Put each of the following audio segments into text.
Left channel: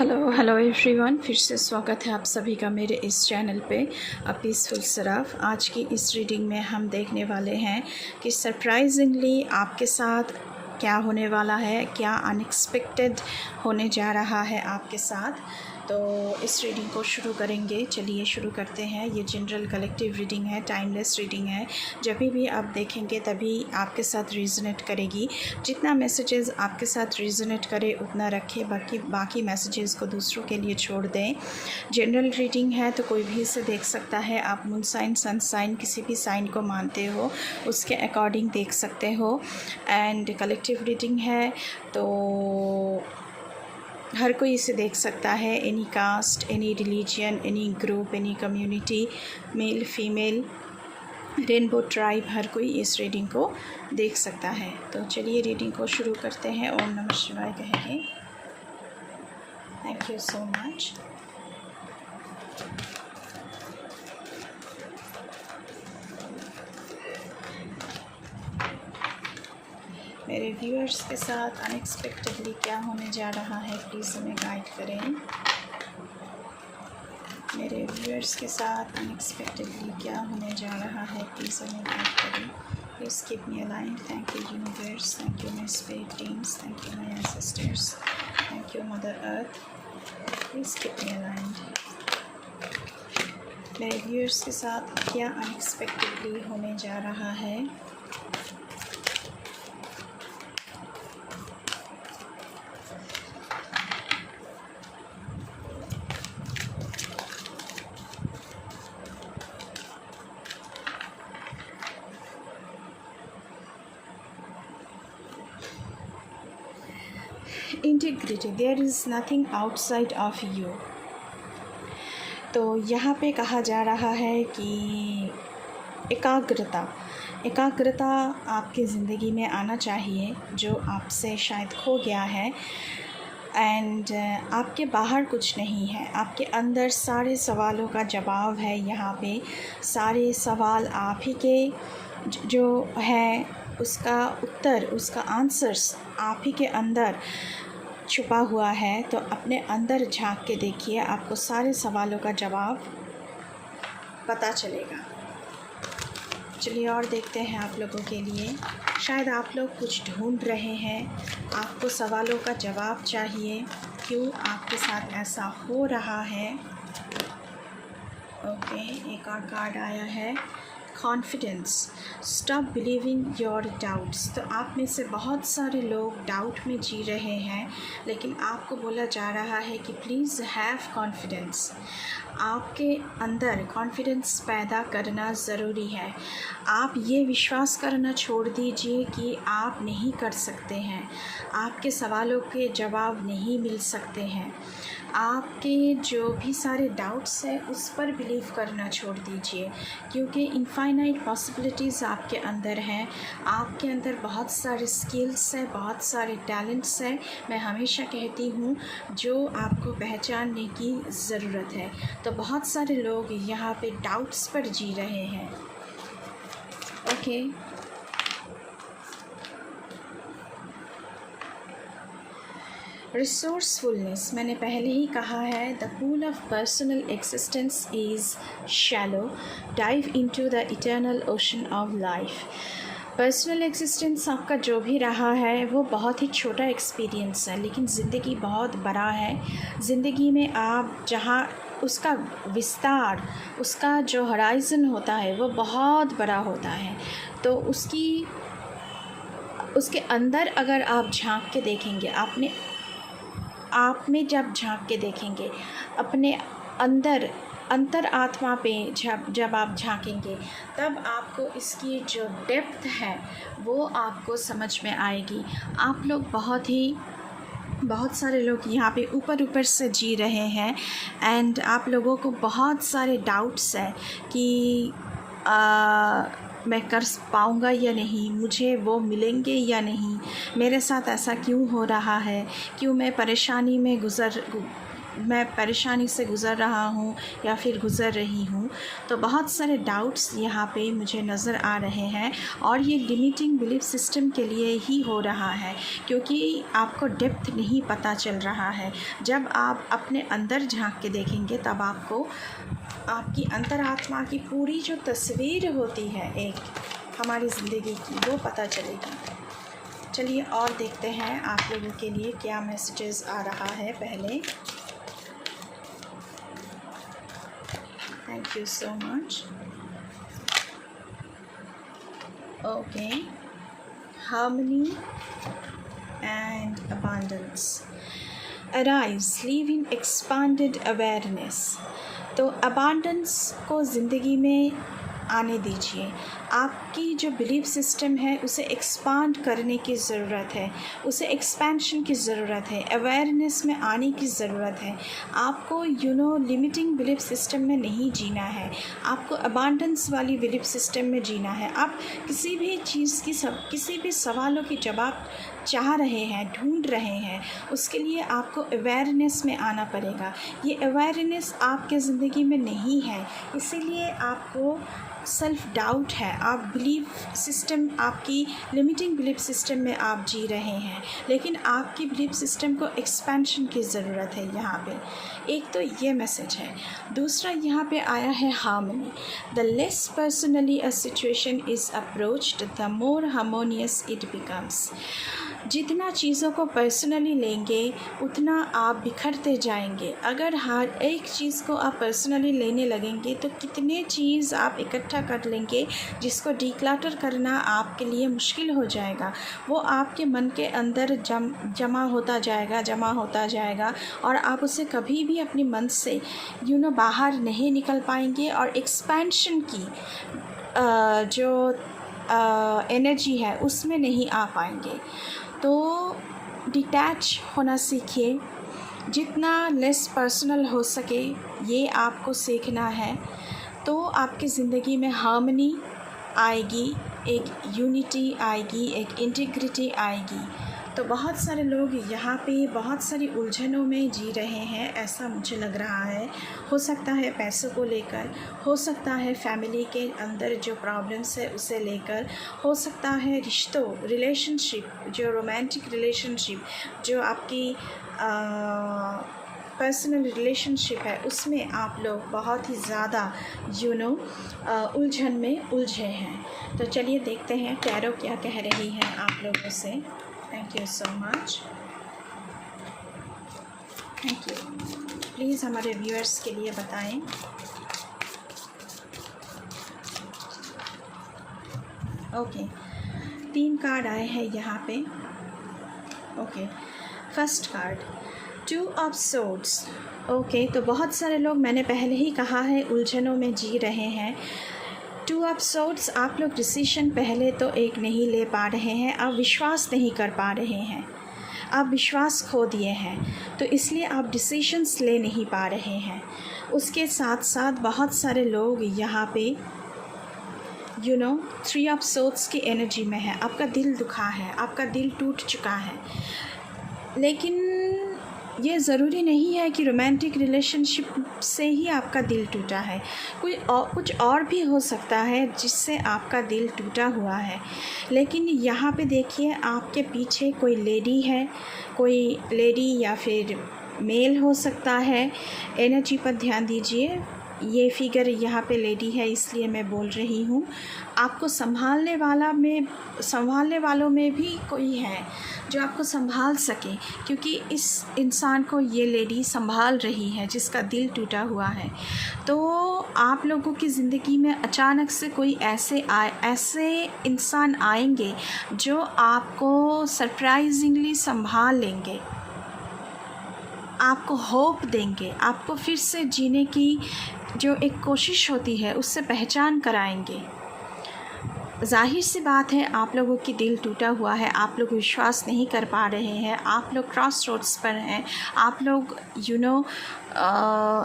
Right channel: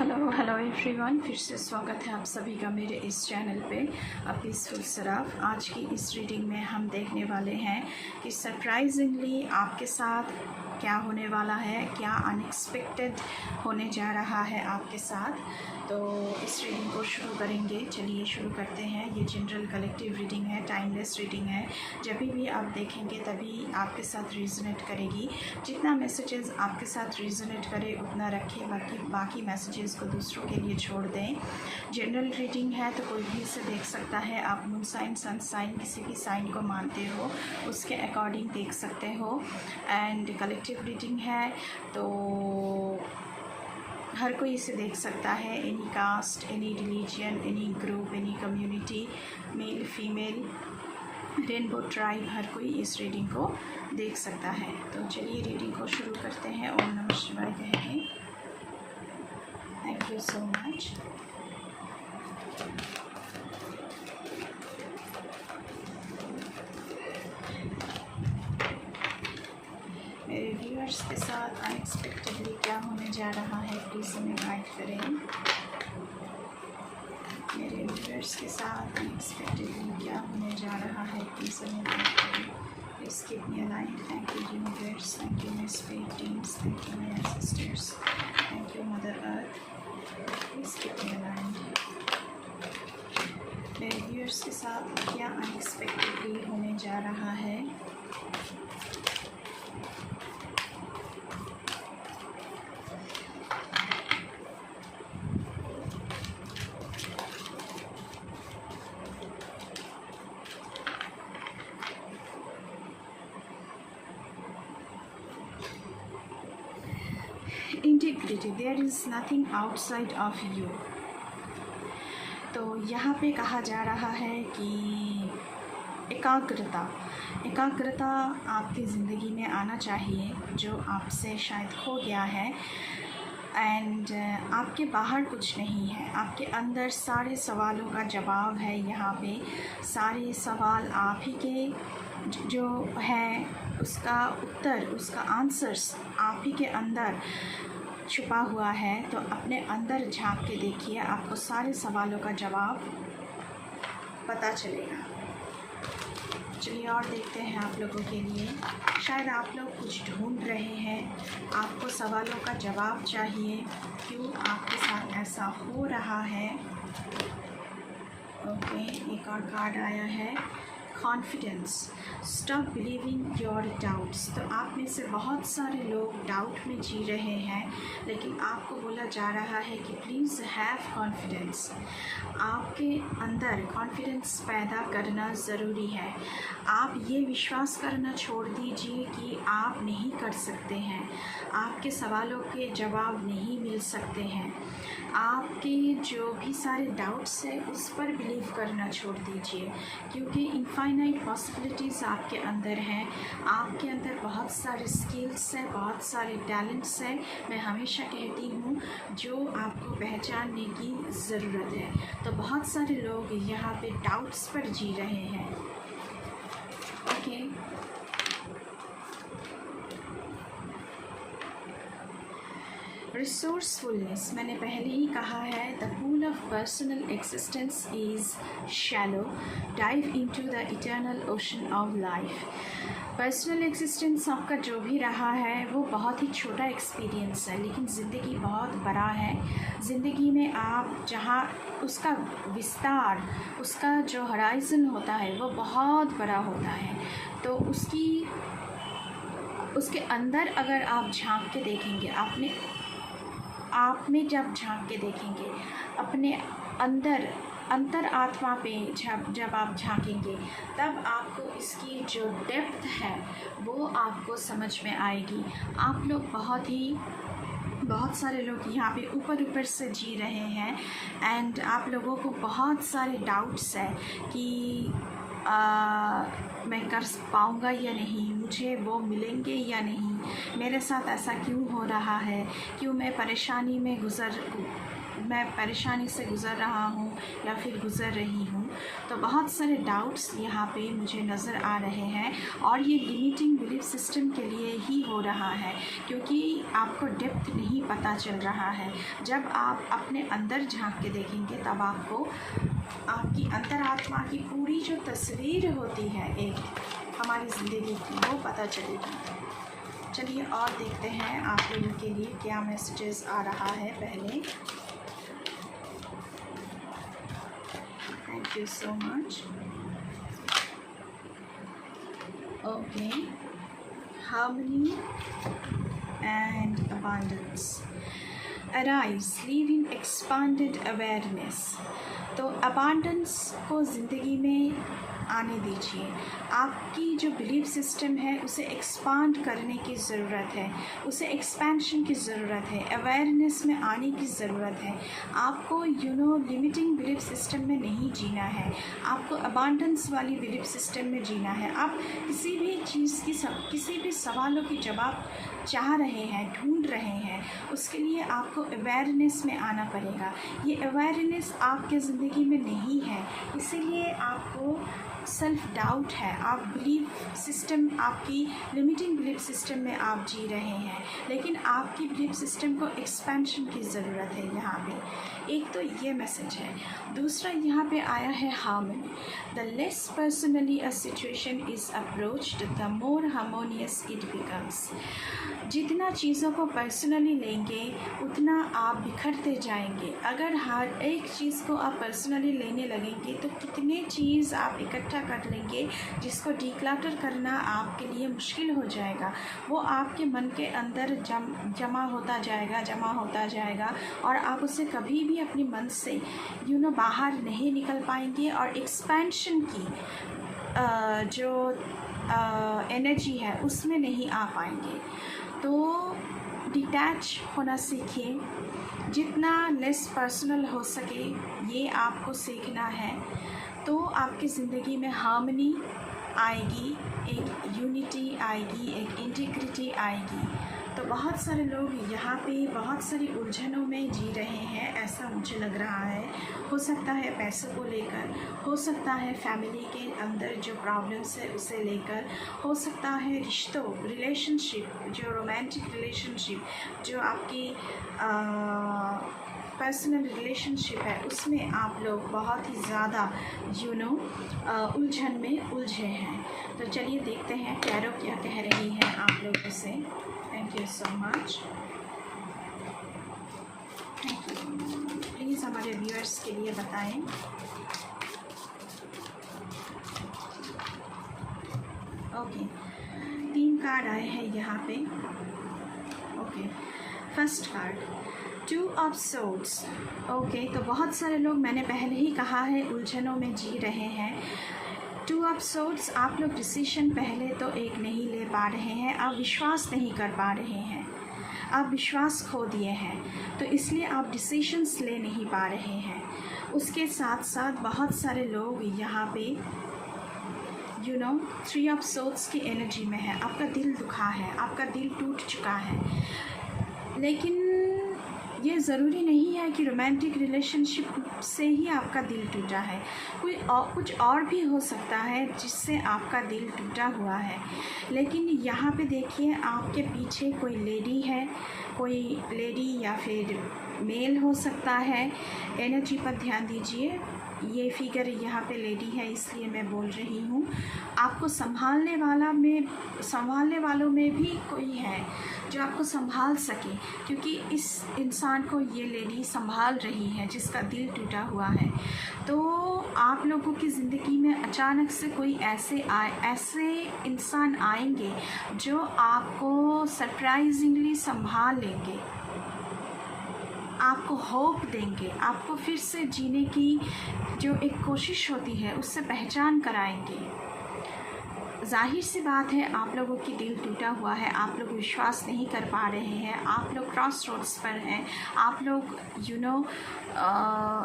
Hello everyone, फिर से स्वागत है आप सभी का मेरे इस चैनल पे पीसफुल सराफ। आज की इस रीडिंग में हम देखने वाले हैं कि सरप्राइजिंगली आपके साथ क्या होने वाला है, क्या अनएक्सपेक्टेड होने जा रहा है आपके साथ। तो इस रीडिंग को शुरू करेंगे। चलिए शुरू करते हैं। ये जनरल कलेक्टिव रीडिंग है, टाइमलेस रीडिंग है। जब भी आप देखेंगे तभी आपके साथ रिजोनेट करेगी। जितना मैसेजेस आपके साथ रिजोनेट करे उतना रखें, बाकी मैसेजेस को दूसरों के लिए छोड़ दें। जनरल रीडिंग है तो कोई भी इसे देख सकता है। आप मून साइन, सन साइन, किसी भी साइन को मानते हो उसके अकॉर्डिंग देख सकते हो। एंड कलेक्टिव रीडिंग है तो हर कोई इसे देख सकता है। Any caste, any religion, any group, any community, male female, rainbow tribe, हर कोई इस रीडिंग को देख सकता है। तो चलिए रीडिंग को शुरू करते हैं। ओम नमः शिवाय कहेंगे। Thank you so much. मेरे व्यूअर्स के साथ अनएक्सपेक्टेडली क्या होने जा रहा है, प्लीज़ हमें गाइड करें। मेरे व्यूअर्स के साथ अनएक्सपेक्टेडली क्या होने जा रहा है, प्लीज़ हमें गाइड करें। Please keep me aligned. Thank you universe, thank you my spirit teams, thank you my ancestors, thank you mother earth, please keep me aligned. मेरे व्यूअर्स के साथ क्या अनएक्सपेक्टेडली होने जा रहा है। Integrity, there is nothing outside of you. तो यहाँ पे कहा जा रहा है कि एकाग्रता आपकी ज़िंदगी में आना चाहिए, जो आपसे शायद खो गया है। एंड आपके बाहर कुछ नहीं है, आपके अंदर सारे सवालों का जवाब है। यहाँ पे सारे सवाल आप ही के जो है उसका उत्तर, उसका आंसर्स आप ही के अंदर छुपा हुआ है। तो अपने अंदर झांक के देखिए, आपको सारे सवालों का जवाब पता चलेगा। चलिए और देखते हैं आप लोगों के लिए। शायद आप लोग कुछ ढूंढ रहे हैं, आपको सवालों का जवाब चाहिए, क्यों आपके साथ ऐसा हो रहा है। ओके, एक और कार्ड आया है, confidence. Stop believing your doubts. तो आप में से बहुत सारे लोग डाउट में जी रहे हैं, लेकिन आपको बोला जा रहा है कि प्लीज़ हैव कॉन्फिडेंस। आपके अंदर कॉन्फिडेंस पैदा करना ज़रूरी है। आप ये विश्वास करना छोड़ दीजिए कि आप नहीं कर सकते हैं, आपके सवालों के जवाब नहीं मिल सकते हैं। आपके जो भी सारे डाउट्स हैं उस पर बिलीव करना छोड़ दीजिए, क्योंकि इनफाइनाइट पॉसिबिलिटीज़ आपके अंदर हैं। आपके अंदर बहुत सारे स्किल्स हैं, बहुत सारे टैलेंट्स हैं। मैं हमेशा कहती हूँ जो आपको पहचानने की ज़रूरत है। तो बहुत सारे लोग यहाँ पे डाउट्स पर जी रहे हैं। ओके, रिसोर्सफुलनेस, मैंने पहले ही कहा है, the pool of personal existence is shallow, dive into the eternal ocean of life. Personal existence आपका जो भी रहा है वो बहुत ही छोटा एक्सपीरियंस है, लेकिन ज़िंदगी बहुत बड़ा है। ज़िंदगी में आप जहाँ उसका विस्तार, उसका जो हराइज़न होता है वो बहुत बड़ा होता है। तो उसके अंदर अगर आप झांक के देखेंगे, आप में जब झांक के देखेंगे, अपने अंतर आत्मा पे जब आप झांकेंगे, तब आपको इसकी जो डेप्थ है वो आपको समझ में आएगी। आप लोग बहुत सारे लोग यहाँ पे ऊपर से जी रहे हैं। एंड आप लोगों को बहुत सारे डाउट्स हैं कि मैं कर पाऊँगा या नहीं, मुझे वो मिलेंगे या नहीं, मेरे साथ ऐसा क्यों हो रहा है, क्यों मैं परेशानी में मैं परेशानी से गुज़र रहा हूँ या फिर गुज़र रही हूँ। तो बहुत सारे डाउट्स यहाँ पे मुझे नज़र आ रहे हैं और ये लिमिटिंग बिलीफ सिस्टम के लिए ही हो रहा है, क्योंकि आपको डेप्थ नहीं पता चल रहा है। जब आप अपने अंदर झांक के देखेंगे तब आपको आपकी अंतरात्मा की पूरी जो तस्वीर होती है एक हमारी ज़िंदगी की, वो पता चलेगी। चलिए और देखते हैं आप लोगों के लिए क्या मैसेजेस आ रहा है। पहले thank you so much. Okay, harmony and abundance. Arise, live in expanded awareness. तो अबांडेंस को ज़िंदगी में आने दीजिए। आपकी जो बिलीफ सिस्टम है उसे एक्सपांड करने की ज़रूरत है, उसे एक्सपेंशन की ज़रूरत है, अवेयरनेस में आने की ज़रूरत है। आपको लिमिटिंग बिलीफ सिस्टम में नहीं जीना है, आपको अबांडेंस वाली बिलीफ सिस्टम में जीना है। आप किसी भी चीज़ की किसी भी सवालों की जवाब चाह रहे हैं, ढूंढ रहे हैं, उसके लिए आपको अवेयरनेस में आना पड़ेगा। ये अवेयरनेस आपके ज़िंदगी में नहीं है, इसीलिए आपको सेल्फ़ डाउट है। आप बिलीफ सिस्टम, आपकी लिमिटिंग बिलीफ सिस्टम में आप जी रहे हैं, लेकिन आपकी बिलीफ सिस्टम को एक्सपेंशन की ज़रूरत है। यहाँ पे एक तो ये मैसेज है। दूसरा यहाँ पे आया है harmony. The less personally a situation is approached the more harmonious it becomes. जितना चीज़ों को पर्सनली लेंगे उतना आप बिखरते जाएंगे। अगर हर एक चीज़ को आप पर्सनली लेने लगेंगे तो कितने चीज़ आप इकट्ठा कर लेंगे जिसको डिक्लटर करना आपके लिए मुश्किल हो जाएगा। वो आपके मन के अंदर जमा होता जाएगा और आप उसे कभी भी अपने मन से बाहर नहीं निकल पाएंगे और एक्सपेंशन की जो एनर्जी है उसमें नहीं आ पाएंगे। तो डिटैच होना सीखिए, जितना लेस पर्सनल हो सके ये आपको सीखना है। तो आपकी ज़िंदगी में हार्मनी आएगी, एक यूनिटी आएगी, एक इंटीग्रिटी आएगी। तो बहुत सारे लोग यहाँ पे बहुत सारी उलझनों में जी रहे हैं, ऐसा मुझे लग रहा है। हो सकता है पैसों को लेकर, हो सकता है फैमिली के अंदर जो प्रॉब्लम्स है उसे लेकर, हो सकता है रिश्तों, रिलेशनशिप, जो रोमांटिक रिलेशनशिप, जो आपकी पर्सनल रिलेशनशिप है उसमें आप लोग बहुत ही ज़्यादा उलझन में उलझे हैं। तो चलिए देखते हैं टैरो क्या कह रही है आप लोगों से। Thank you so much, thank you. Please हमारे व्यूअर्स के लिए बताएं। ओके, 3 कार्ड आए हैं यहाँ पे। Okay, first card 2 of swords. Okay, तो बहुत सारे लोग, मैंने पहले ही कहा है, उलझनों में जी रहे हैं। 2 ऑफ सोर्ड्स, आप लोग डिसीजन पहले तो एक नहीं ले पा रहे हैं, आप विश्वास नहीं कर पा रहे हैं, आप विश्वास खो दिए हैं, तो इसलिए आप डिसीजंस ले नहीं पा रहे हैं। उसके साथ साथ बहुत सारे लोग यहाँ पे 3 ऑफ सोर्ड्स की एनर्जी में है। आपका दिल दुखा है, आपका दिल टूट चुका है, लेकिन ये ज़रूरी नहीं है कि रोमांटिक रिलेशनशिप से ही आपका दिल टूटा है। कुछ और भी हो सकता है जिससे आपका दिल टूटा हुआ है। लेकिन यहाँ पे देखिए, आपके पीछे कोई लेडी है, कोई लेडी या फिर मेल हो सकता है। एनर्जी पर ध्यान दीजिए। ये फिगर यहाँ पे लेडी है, इसलिए मैं बोल रही हूँ। आपको संभालने वालों में भी कोई है जो आपको संभाल सके, क्योंकि इस इंसान को ये लेडी संभाल रही है जिसका दिल टूटा हुआ है। तो आप लोगों की ज़िंदगी में अचानक से कोई ऐसे इंसान आएंगे जो आपको सरप्राइजिंगली संभाल लेंगे, आपको होप देंगे, आपको फिर से जीने की जो एक कोशिश होती है उससे पहचान कराएंगे। जाहिर सी बात है, आप लोगों की दिल टूटा हुआ है, आप लोग विश्वास नहीं कर पा रहे हैं, आप लोग क्रॉस रोड्स पर हैं, आप लोग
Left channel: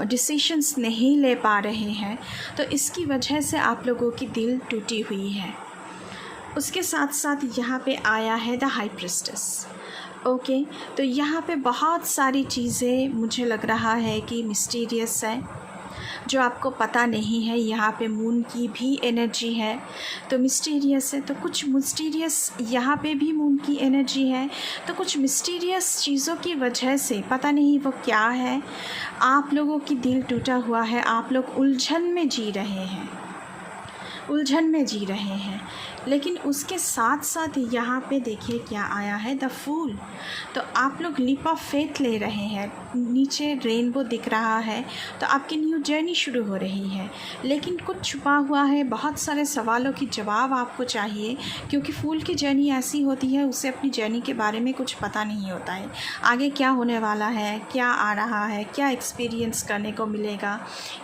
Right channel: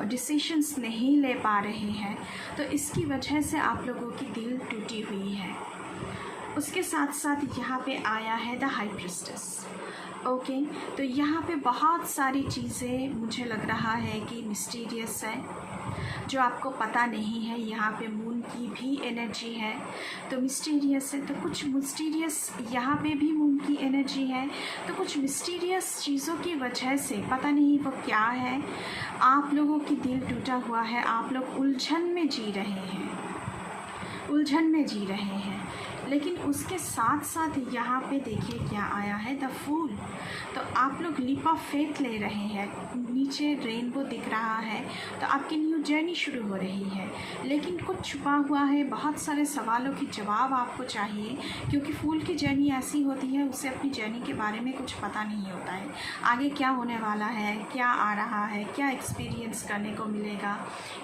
डिसीशंस नहीं ले पा रहे हैं, तो इसकी वजह से आप लोगों की दिल टूटी हुई है। उसके साथ साथ यहाँ पे आया है द हाई प्रीस्टेस। ओके, तो यहाँ पे बहुत सारी चीज़ें मुझे लग रहा है कि मिस्टीरियस है, जो आपको पता नहीं है। यहाँ पे मून की भी एनर्जी है तो मिस्टीरियस है, तो कुछ मिस्टीरियस यहाँ पे भी मून की एनर्जी है, तो कुछ मिस्टीरियस चीज़ों की वजह से पता नहीं वो क्या है, आप लोगों की दिल टूटा हुआ है, आप लोग उलझन में जी रहे हैं, उलझन में जी रहे हैं। लेकिन उसके साथ साथ यहाँ पे देखिए क्या आया है, द फूल। तो आप लोग लीप ऑफ फेथ ले रहे हैं, नीचे रेनबो दिख रहा है, तो आपकी न्यू जर्नी शुरू हो रही है। लेकिन कुछ छुपा हुआ है, बहुत सारे सवालों की जवाब आपको चाहिए, क्योंकि फूल की जर्नी ऐसी होती है, उसे अपनी जर्नी के बारे में कुछ पता नहीं होता है, आगे क्या होने वाला है, क्या आ रहा है, क्या एक्सपीरियंस करने को मिलेगा,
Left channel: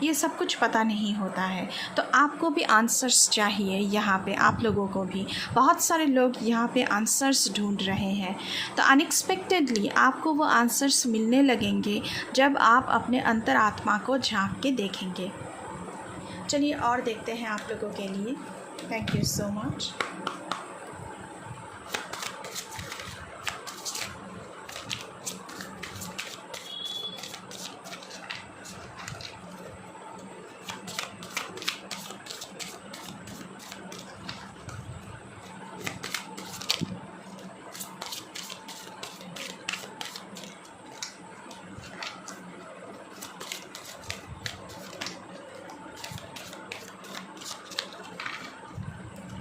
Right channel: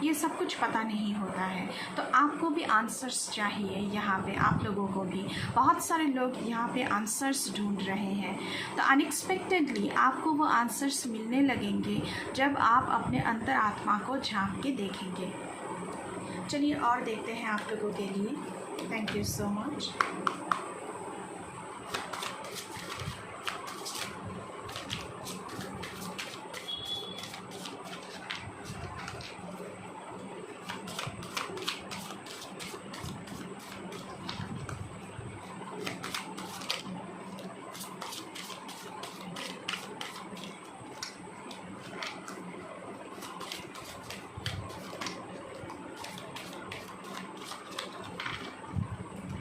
ये सब कुछ पता नहीं होता है। तो आपको भी आंसर्स चाहिए, यहाँ पे आप लोगों को भी बहुत सारे लोग यहाँ पे आंसर्स ढूंढ रहे हैं। तो अनएक्सपेक्टेडली आपको वो आंसर्स मिलने लगेंगे जब आप अपने अंतरात्मा को झांक के देखेंगे। चलिए और देखते हैं आप लोगों के लिए। Thank you so much.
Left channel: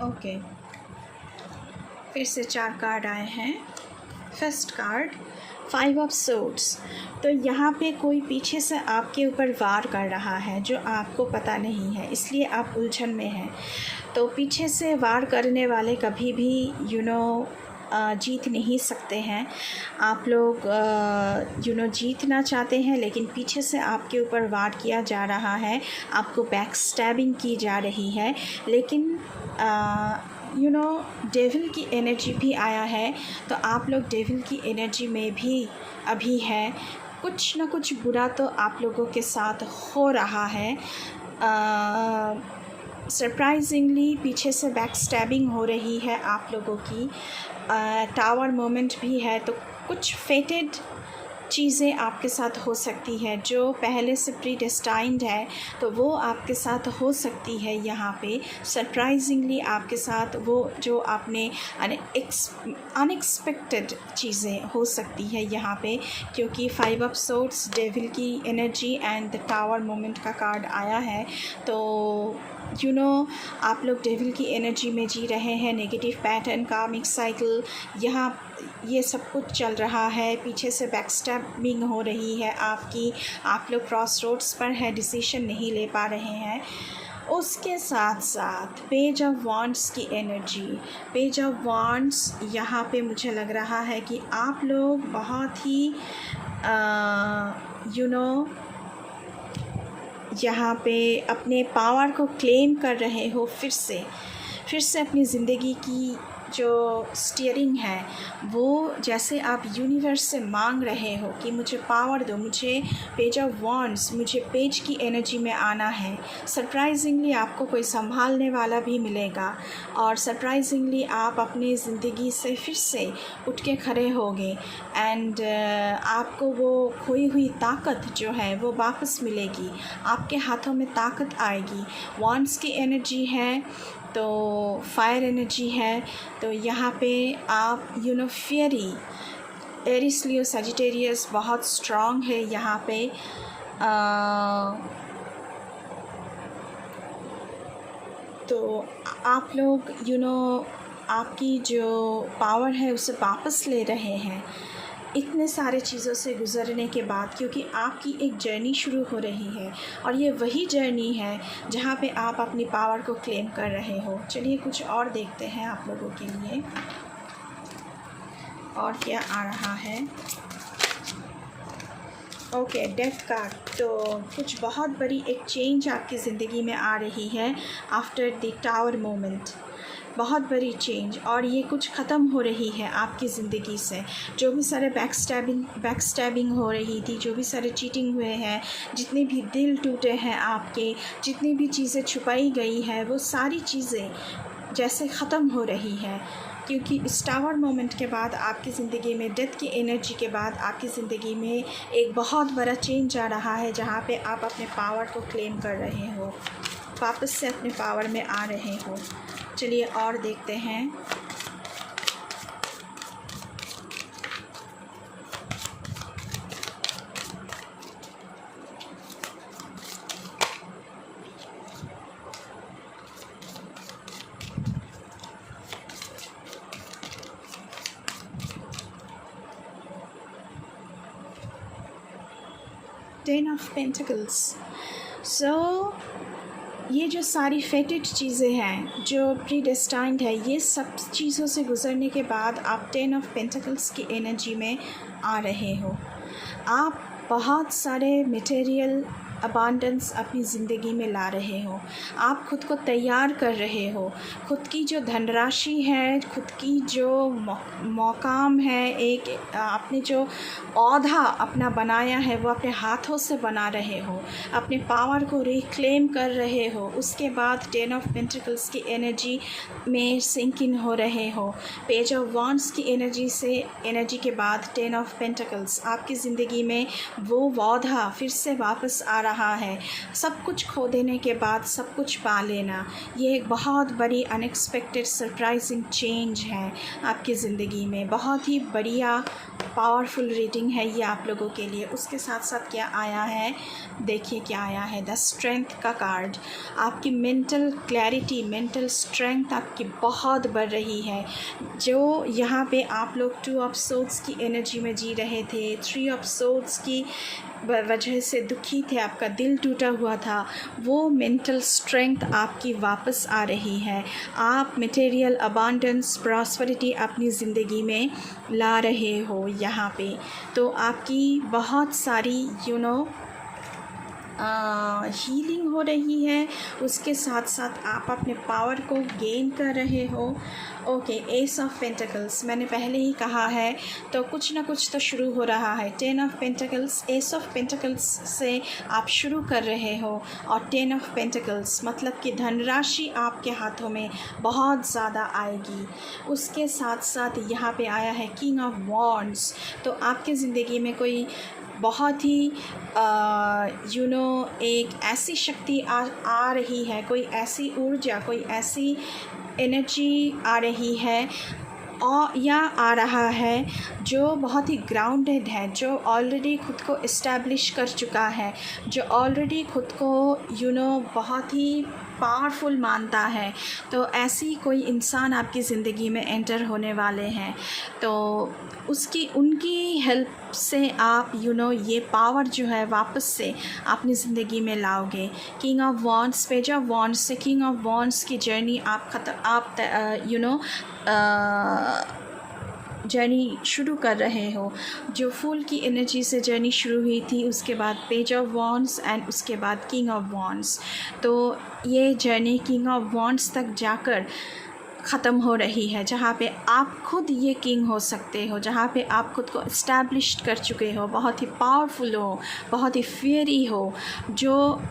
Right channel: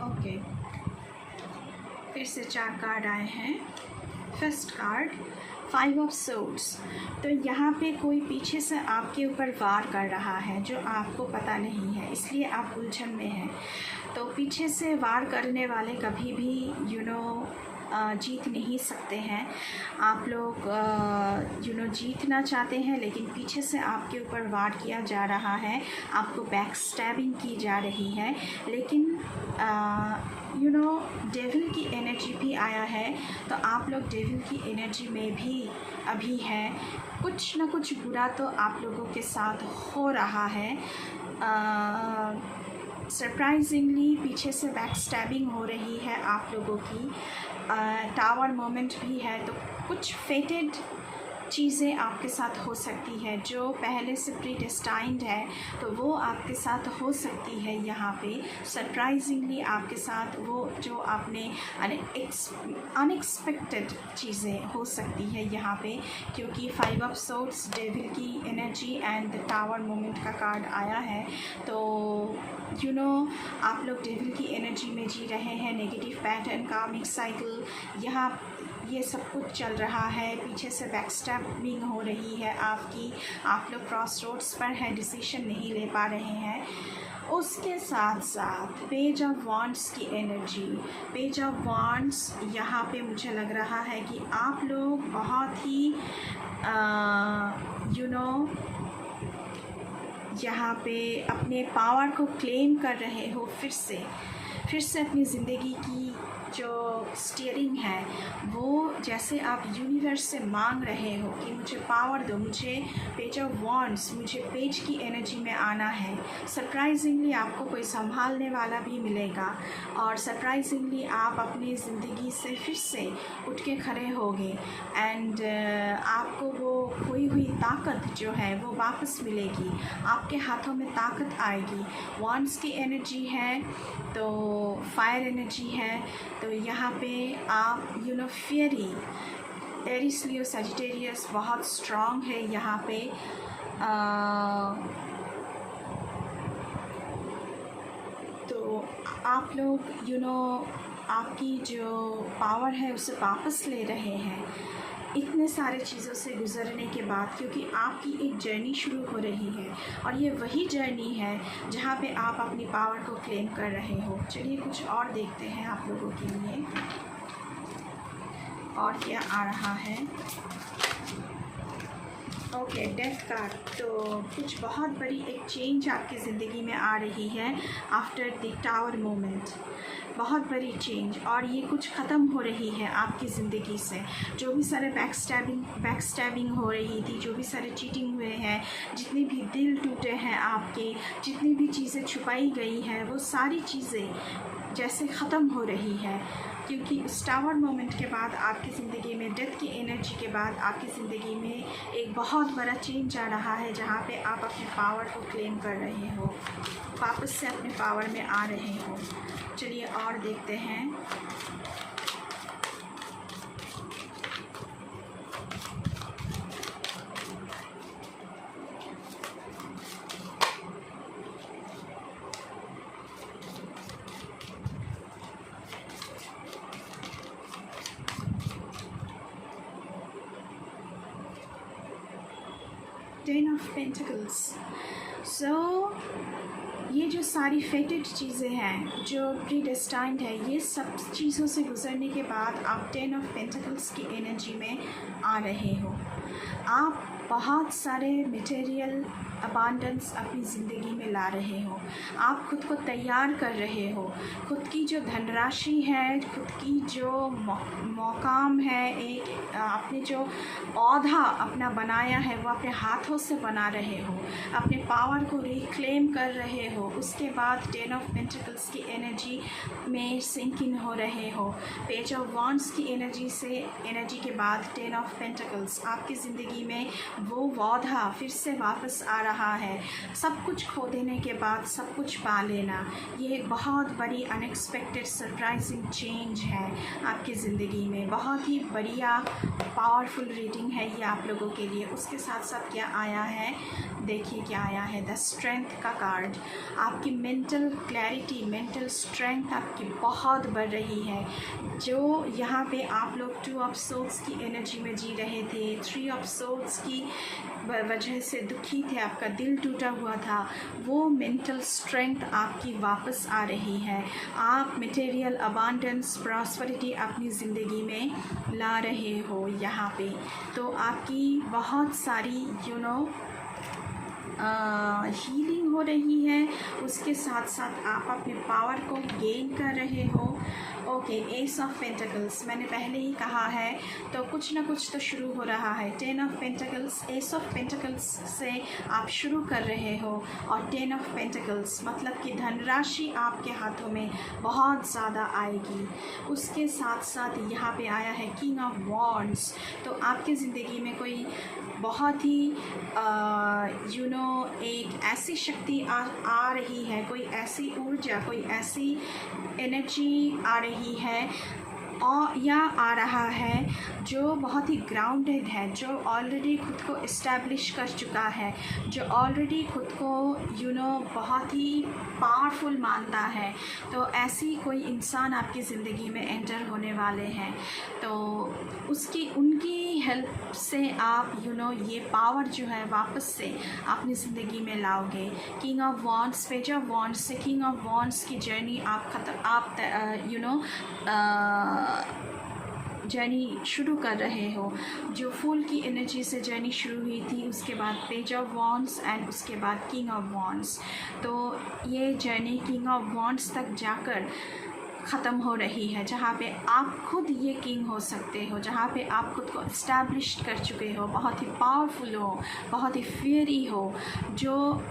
Okay, फिर से 4 कार्ड आए हैं। First card 5 of swords. तो यहाँ पे कोई पीछे से आपके ऊपर वार कर रहा है जो आपको पता नहीं है, इसलिए आप उलझन में हैं। तो पीछे से वार करने वाले कभी भी जीत नहीं सकते हैं। आप लोग जीतना चाहते हैं, लेकिन पीछे से आपके ऊपर वार किया जा रहा है, आपको बैक स्टैबिंग की जा रही है। लेकिन डेविल की एनर्जी भी आया है, तो आप लोग डेविल की एनर्जी में भी अभी है। कुछ ना कुछ बुरा तो आप लोगों के साथ हो रहा है। सरप्राइजिंगली पीछे से बैक स्टैबिंग हो रही है आप लोगों की। टावर मोमेंट भी है, तो कुछ फेटेड चीज़ें आपके साथ हो सकती है जो पहले से प्रीडेस्टाइंड है, तो वो आपके साथ हो सकती है। यहाँ पे सरप्राइजिंगली आपके साथ वो जो आपने अनएक्सपेक्टेड चीज़ें हो सकती है यहाँ पे, क्योंकि 5 ऑफ सोर्ड्स डेविल की energy and the tower moment का कार्ड आया है। तो आप लोग डेविल की एनर्जी में जी रहे हैं। नेगेटिव पैटर्न, कार्मिक साइकिल, यहाँ ये सब कुछ चल रहा है। पीछे से बैकस्टैबिंग हो रही है आपकी, आप लोग क्रॉस रोड्स पर है, डिसीजन नहीं ले पा रहे हैं। उसके साथ साथ पेज ऑफ वांड्स की एनर्जी, पेज ऑफ वांड्स यहाँ पे मुझे लग रहा है कि आप लोग बहुत ही यहाँ पे अपने पावर को क्लेम कर रहे हो, फिर से अपनी ज़िंदगी की जो स्टीयरिंग है वो, जैसे आप यूनिवर्स से मांग रहे हो कि मुझे पावर दो, मुझे पेज ऑफ वांड्स, मुझे पेज की एनर्जी में आना है। सरप्राइजिंगली आपको कोई संभालने वाला भी मिलेगा, और सरप्राइजिंगली आप अपनी ज़िंदगी से फिर से उठ के खड़े होगे, एंड आपको वो खोई हुई ताकत जो है वो वापस मिलेगी, आपके हाथों में ताकत आएगी। वांड्स की एनर्जी है, तो फायर एनर्जी है, तो यहाँ पे आप फियरी, एरिस, लियो, सजिटेरियस बहुत स्ट्रॉन्ग है यहाँ पे। तो आप लोग आपकी जो पावर है उसे वापस ले रहे हैं इतने सारे चीज़ों से गुज़रने के बाद, क्योंकि आपकी एक जर्नी शुरू हो रही है, और ये वही जर्नी है जहाँ पे आप अपनी पावर को क्लेम कर रहे हो। चलिए कुछ और देखते हैं आप लोगों के लिए और क्या आ रहा है। Okay, death card. तो कुछ बहुत बड़ी एक चेंज आपकी ज़िंदगी में आ रही है आफ्टर द टावर मोमेंट, बहुत बड़ी चेंज, और ये कुछ ख़त्म हो रही है आपकी ज़िंदगी से। जो भी सारे बैकस्टैबिंग हो रही थी, जो भी सारे चीटिंग हुए हैं, जितने भी दिल टूटे हैं आपके, जितनी भी चीज़ें छुपाई गई हैं, वो सारी चीज़ें जैसे ख़त्म हो रही है। क्योंकि इस टावर मोमेंट के बाद आपकी ज़िंदगी में, डेथ की एनर्जी के बाद आपकी ज़िंदगी में एक बहुत बड़ा चेंज आ रहा है, जहाँ पे आप अपने पावर को क्लेम कर रहे हो, वापस से अपने पावर में आ रहे हो। चलिए और देखते हैं। Ten of pentacles. सो ये जो सारी फेटेड चीज़ें हैं, जो प्रीडेस्टाइंड है, ये सब चीज़ों से गुज़रने के बाद आप 10 ऑफ पेंटिकल्स की एनर्जी में आ रहे हो। आप बहुत सारे मटेरियल अबांडेंस अपनी ज़िंदगी में ला रहे हो। आप खुद को तैयार कर रहे हो। खुद की जो धनराशि है, खुद की जो मौकाम है, एक आपने जो औधा अपना बनाया है वो अपने हाथों से बना रहे हो, अपने पावर को रिक्लेम कर रहे हो। उसके बाद 10 ऑफ पेंटिकल्स की एनर्जी में सिंक इन हो रहे हो। पेज ऑफ वॉन्ड्स की एनर्जी के बाद 10 ऑफ पेंटिकल्स, आपकी ज़िंदगी में वो पौधा फिर से वापस आ रहा है। सब कुछ खो देने के बाद सब कुछ पा लेना, ये एक बहुत बड़ी अनएक्सपेक्टेड सरप्राइजिंग चेंज है आपकी ज़िंदगी में। बहुत ही बढ़िया पावरफुल रीडिंग है ये आप लोगों के लिए। उसके साथ साथ क्या आया है, देखिए क्या आया है, द स्ट्रेंथ का कार्ड। आपकी मेंटल क्लैरिटी, मेंटल स्ट्रेंथ आपकी बहुत बढ़ रही है। जो यहाँ पे आप लोग 2 ऑफ सोर्ड्स की एनर्जी में जी रहे थे, 3 ऑफ सोर्ड्स की वजह से दुखी थे, आपका दिल टूटा हुआ था, वो मेंटल स्ट्रेंथ आपकी वापस आ रही है। आप मटेरियल अबांडेंस, प्रॉस्पेरिटी अपनी ज़िंदगी में ला रहे हो यहाँ पे। तो आपकी बहुत सारी हीलिंग हो रही है। उसके साथ साथ आप अपने पावर को गेन कर रहे हो। ओके, एस ऑफ पेंटिकल्स मैंने पहले ही कहा है, तो कुछ ना कुछ तो शुरू हो रहा है। 10 of pentacles, S of pentacles से आप शुरू कर रहे हो, और 10 ऑफ पेंटिकल्स मतलब कि धनराशि आपके हाथों में बहुत ज़्यादा आएगी। उसके साथ साथ यहाँ पे आया है किंग ऑफ वॉन्ड्स। तो आपकी ज़िंदगी में कोई बहुत ही एक ऐसी शक्ति आ रही है, कोई ऐसी ऊर्जा, कोई ऐसी एनर्जी आ रही है और या आ रहा है जो बहुत ही ग्राउंडेड है, जो ऑलरेडी खुद को इस्टेब्लिश कर चुका है, जो ऑलरेडी खुद को बहुत ही पावरफुल मानता है। तो ऐसी कोई इंसान आपकी ज़िंदगी में एंटर होने वाले हैं, तो उनकी हेल्प से आप ये पावर जो है वापस से अपनी ज़िंदगी में लाओगे। King of wands, page of wands से किंग ऑफ वॉन्ड्स की जर्नी जर्नी शुरू कर रहे हो। जो फूल की एनर्जी से जर्नी शुरू हुई थी, उसके बाद पेज ऑफ वॉन्ड्स एंड उसके बाद किंग ऑफ वॉन्ड्स, तो ये जर्नी किंग ऑफ वॉन्ड्स तक जाकर ख़त्म हो रही है, जहाँ पे आप खुद ये किंग हो सकते हो, जहाँ पे आप खुद को इस्टेब्लिश्ड कर चुके हो, बहुत ही पावरफुल हो, बहुत ही फियरी हो, जो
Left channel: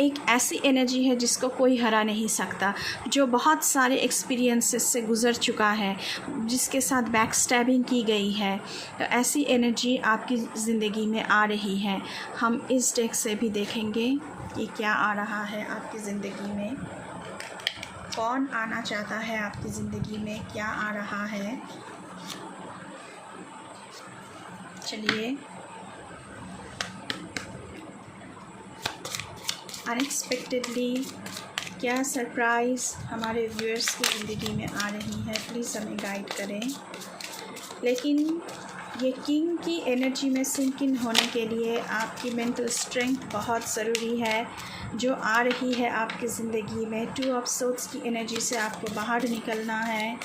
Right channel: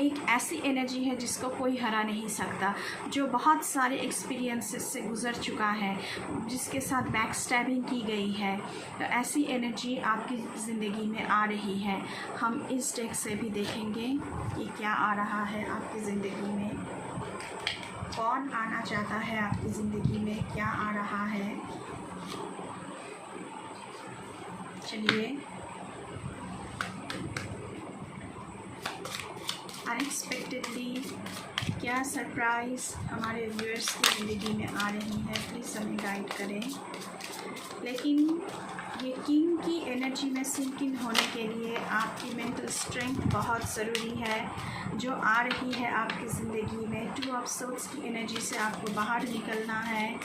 एक ऐसी एनर्जी है जिसको कोई हरा नहीं सकता, जो बहुत सारे एक्सपीरियंसेस से गुज़र चुका है, जिसके साथ बैक स्टैबिंग की गई है। तो ऐसी एनर्जी आपकी ज़िंदगी में आ रही है। हम इस डेक से भी देखेंगे कि क्या आ रहा है आपकी ज़िंदगी में, कौन आना चाहता है आपकी ज़िंदगी में, क्या आ रहा है। चलिए, अनएक्सपेक्टेडली क्या सरप्राइज़ हमारे व्यूअर्स की ज़िंदगी में आ रही है, प्लीज़ हमें गाइड करें। लेकिन ये किंग की एनर्जी में सिंक इन होने के लिए आपकी मेंटल स्ट्रेंथ बहुत ज़रूरी है, जो आ रही है आपकी ज़िंदगी में। 2 ऑफ सोर्ड्स की एनर्जी से आपको बाहर निकलना है,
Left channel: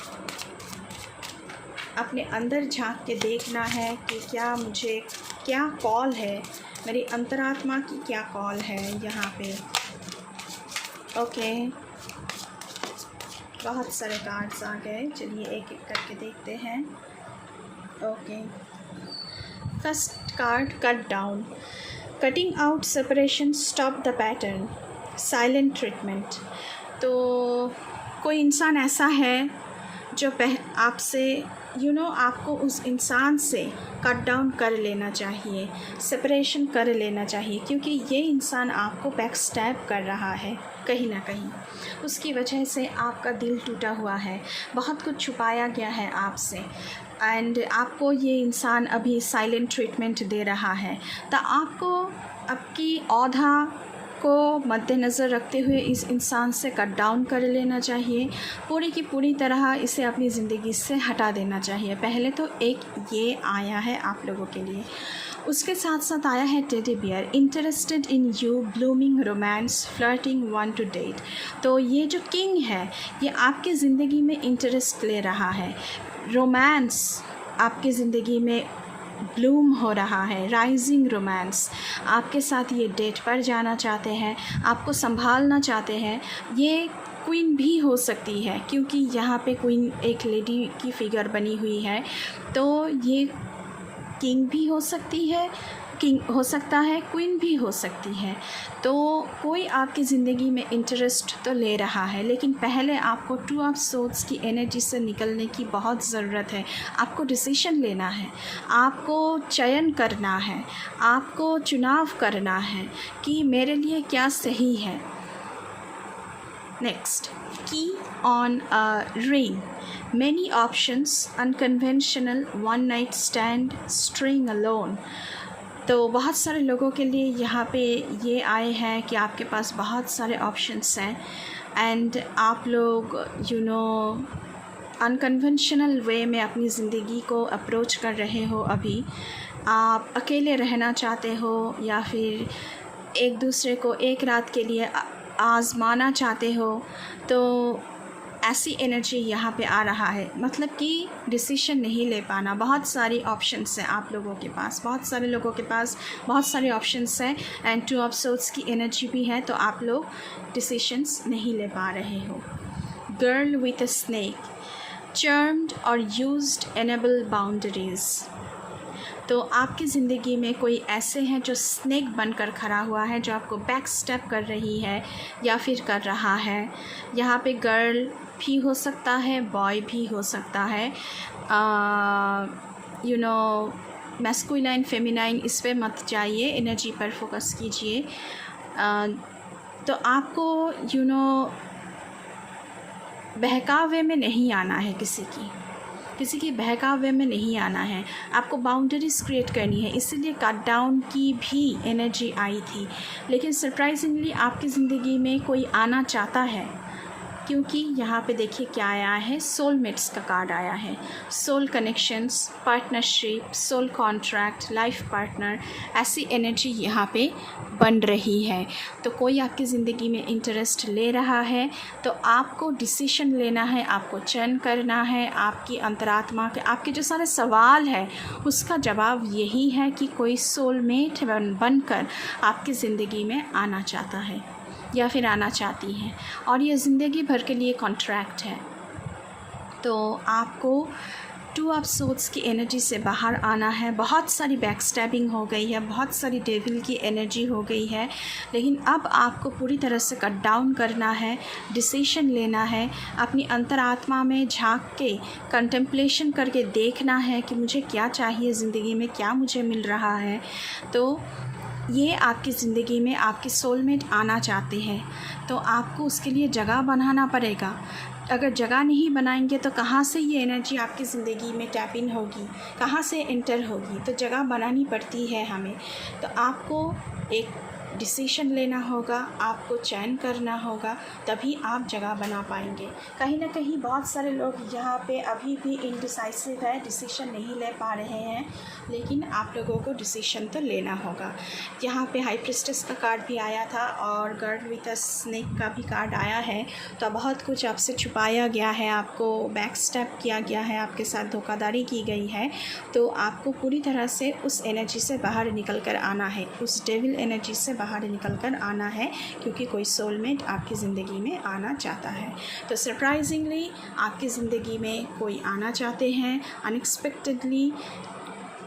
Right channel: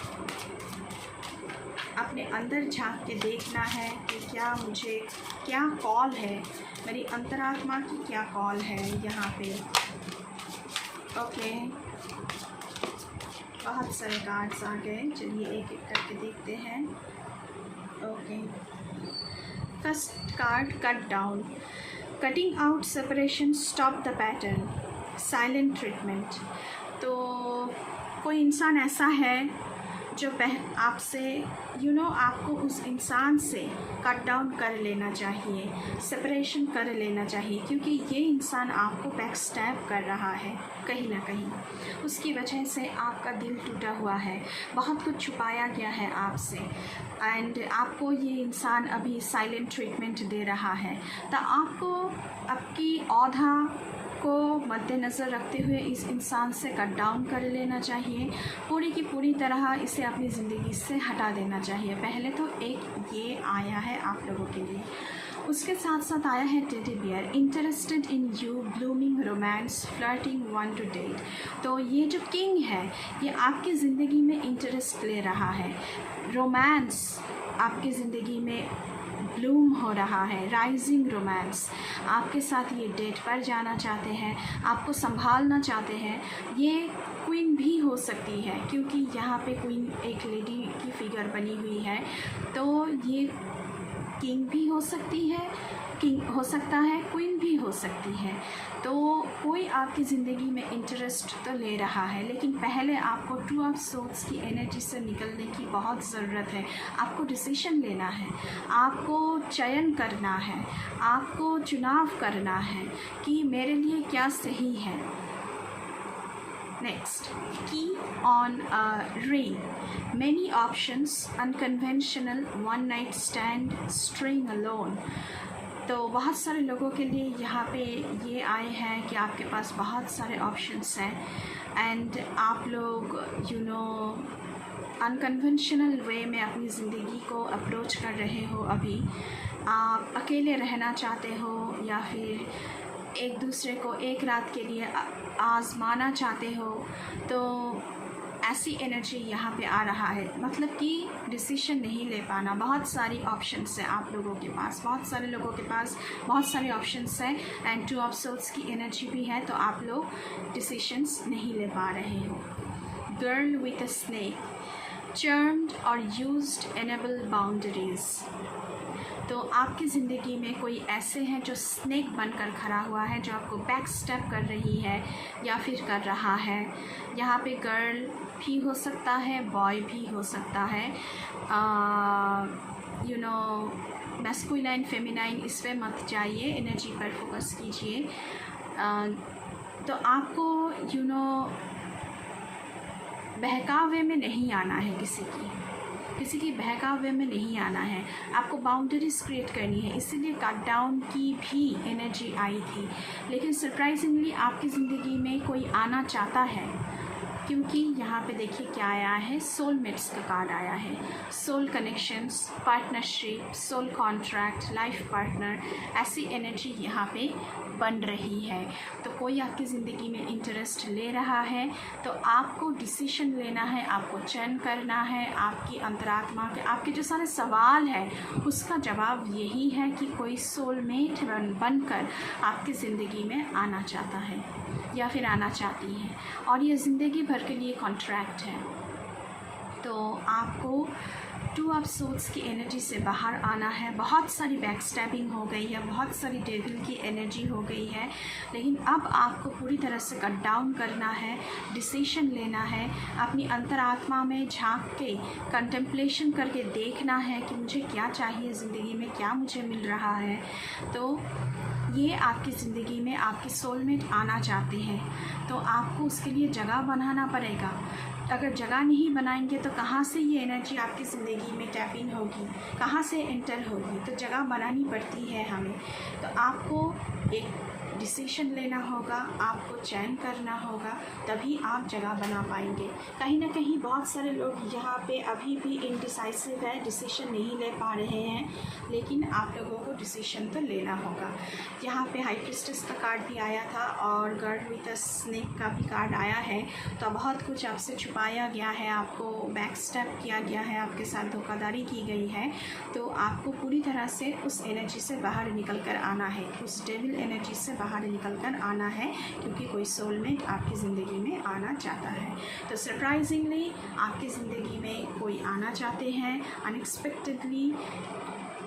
अपने अंदर झांक के देखना है कि क्या कॉल है, मेरी अंतरात्मा की क्या कॉल है यहाँ पे। ओके, बहुत सारे कार्ड्स आ गए, चलिए एक एक करके देखते हैं। Okay, first card, cut down, cutting out separation, stop the pattern, silent treatment. तो कोई इंसान ऐसा है जो आपसे आपको उस इंसान से कट डाउन कर लेना चाहिए, सेपरेशन कर लेना चाहिए, क्योंकि ये इंसान आपको बैक स्टैब कर रहा है कहीं ना कहीं। उसकी वजह से आपका दिल टूटा हुआ है, बहुत कुछ छुपाया गया है आपसे, एंड आपको ये इंसान अभी साइलेंट ट्रीटमेंट दे रहा है। तो आपको आपकी औधा को मद्देनज़र रखते हुए इस इंसान से कट डाउन कर लेना चाहिए, पूरी की पूरी तरह इसे अपनी ज़िंदगी से हटा देना चाहिए। पहले तो एक ये आया है आप लोगों के लिए, उसके साथ साथ आया है teddy bear, interested in you, blooming romance, flirting, want to date. तो ये जो किंग है ये आपकी ज़िंदगी में इंटरेस्ट ले रहा है, रोमांस आपकी ज़िंदगी में ब्लूम हो रहा है, राइजिंग रोमांस। आपके साथ ये डेट पर जाना चाहते हैं, आपको संभालना चाहते हैं। ये क्वीन भी हो सकती है, क्योंकि यहाँ पे क्वीन एक लेडी की फिगर बनी हुई है, तो ये किंग भी हो सकती है, किंग हो सकता है, क्वीन भी हो सकती है। तो कोई आपकी ज़िंदगी में इंटरेस्ट तो ले रहा है, लेकिन पहले आपको टू ऑफ सोर्ड्स की एनर्जी से निकलने की बहुत ज़रूरत है। आपको डिसीजन लेना है, आपको चयन करना है, आपको चुनाव करना है कि मेरे लिए क्या सही है। नेक्स्ट, की on a ring, many options, unconventional, one night stand, staying alone। तो बहुत सारे लोगों के लिए यहाँ पे ये आए हैं कि आपके पास बहुत सारे ऑप्शंस हैं, एंड आप लोग अनकन्वेंशनल वे में अपनी ज़िंदगी को अप्रोच कर रहे हो। अभी आप अकेले रहना चाहते हो, या फिर एक दूसरे को एक रात के लिए आज़माना चाहते हो। तो ऐसी एनर्जी यहाँ पे आ रहा है, मतलब कि डिसीजन नहीं ले पाना। बहुत सारी ऑप्शंस हैं आप लोगों के पास, बहुत सारे लोगों के पास बहुत सारे ऑप्शंस हैं, एंड टू ऑफ सोर्ड्स की एनर्जी भी है, तो आप लोग डिसीजंस नहीं ले पा रहे हो। Girl with a snake, charmed और यूज्ड एनेबल बाउंड्रीज़। तो आपकी ज़िंदगी में कोई ऐसे हैं जो स्नेक बनकर खड़ा हुआ है, जो आपको बैक स्टेप कर रही है या फिर कर रहा है। यहाँ पे गर्ल भी हो सकता है, बॉय भी हो सकता है। मैस्कुलाइन फेमिनाइन इस पे मत जाइए, एनर्जी पर फोकस कीजिए। तो आपको बहकावे में नहीं आना है, किसी की बहकावे में नहीं आना है। आपको बाउंड्रीज क्रिएट करनी है, इसीलिए कट डाउन की भी एनर्जी आई थी। लेकिन सरप्राइजिंगली आपकी ज़िंदगी में कोई आना चाहता है, क्योंकि यहाँ पे देखिए क्या आया है, सोलमेट्स का कार्ड आया है। Soul connections, partnership, soul contract, life partner, ऐसी एनर्जी यहाँ पे बन रही है। तो कोई आपकी ज़िंदगी में इंटरेस्ट ले रहा है, तो आपको डिसीजन लेना है, आपको चयन करना है। आपकी अंतरात्मा के आपके जो सारे सवाल है उसका जवाब यही है कि कोई सोलमेट बनकर आपकी ज़िंदगी में आना चाहता है या फिर आना चाहती है, और ये ज़िंदगी भर के लिए कॉन्ट्रैक्ट है। तो आपको टू ऑफ सोर्ड्स की एनर्जी से बाहर आना है। बहुत सारी बैक स्टैबिंग हो गई है, बहुत सारी डेविल की एनर्जी हो गई है, लेकिन अब आपको पूरी तरह से कट डाउन करना है, डिसीजन लेना है, अपनी अंतरात्मा में झांक के कंटेम्पलेशन करके देखना है कि मुझे क्या चाहिए ज़िंदगी में, क्या मुझे मिल रहा है। तो ये आपकी ज़िंदगी में आपके सोलमेट आना चाहते हैं, तो आपको उसके लिए जगह बनाना पड़ेगा। अगर जगह नहीं बनाएंगे तो कहाँ से ये एनर्जी आपकी ज़िंदगी में टैप इन होगी, कहाँ से एंटर होगी। तो जगह बनानी पड़ती है हमें। तो आपको एक डिसीजन लेना होगा, आपको चयन करना होगा, तभी आप जगह बना पाएंगे। कहीं ना कहीं बहुत सारे लोग यहाँ पे अभी भी इनडिसाइसिव है, डिसीजन नहीं ले पा रहे हैं, लेकिन आप लोगों को डिसीजन तो लेना होगा। यहाँ पे हाई प्रिस्टेस का कार्ड भी आया था और गर्ल विद अ स्नेक का भी कार्ड आया है। तो बहुत कुछ आपसे छुपाया गया है, आपको बैक स्टेप किया गया है, आपके साथ धोखाधड़ी की गई है। तो आपको पूरी तरह से उस एनर्जी से बाहर निकल कर आना है, उस डेविल एनर्जी से बाहर निकल कर आना है, क्योंकि कोई सोलमेट आपकी ज़िंदगी में आना चाहता है। तो सरप्राइजिंगली आपकी ज़िंदगी में कोई आना चाहते हैं, अनएक्सपेक्टेडली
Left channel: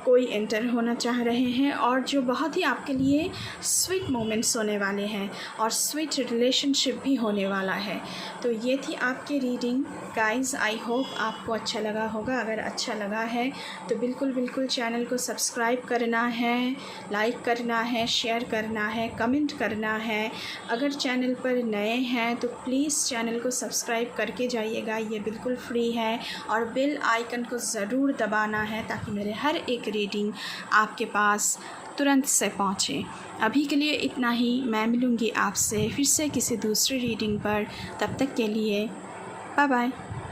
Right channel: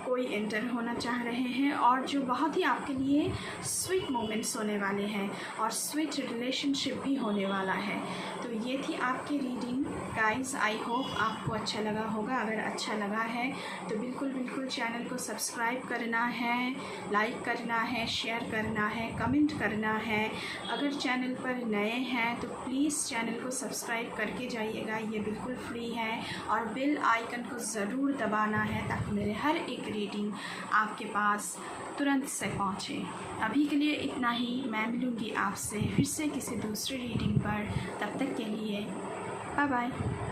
कोई एंटर होना चाह रहे हैं और जो बहुत ही आपके लिए स्वीट मोमेंट्स होने वाले हैं और स्वीट रिलेशनशिप भी होने वाला है। तो ये थी आपकी रीडिंग गाइस। आई होप आपको अच्छा लगा होगा। अगर अच्छा लगा है तो बिल्कुल चैनल को सब्सक्राइब करना है, लाइक करना है, शेयर करना है, कमेंट करना है। अगर चैनल पर नए हैं तो प्लीज़ चैनल को सब्सक्राइब करके जाइएगा, ये बिल्कुल फ्री है। और बेल आइकन को ज़रूर दबाना है ताकि मेरे हर एक रीडिंग आपके पास तुरंत से पहुँचे। अभी के लिए इतना ही। मैं मिलूँगी आपसे फिर से किसी दूसरी रीडिंग पर। तब तक के लिए बाय बाय।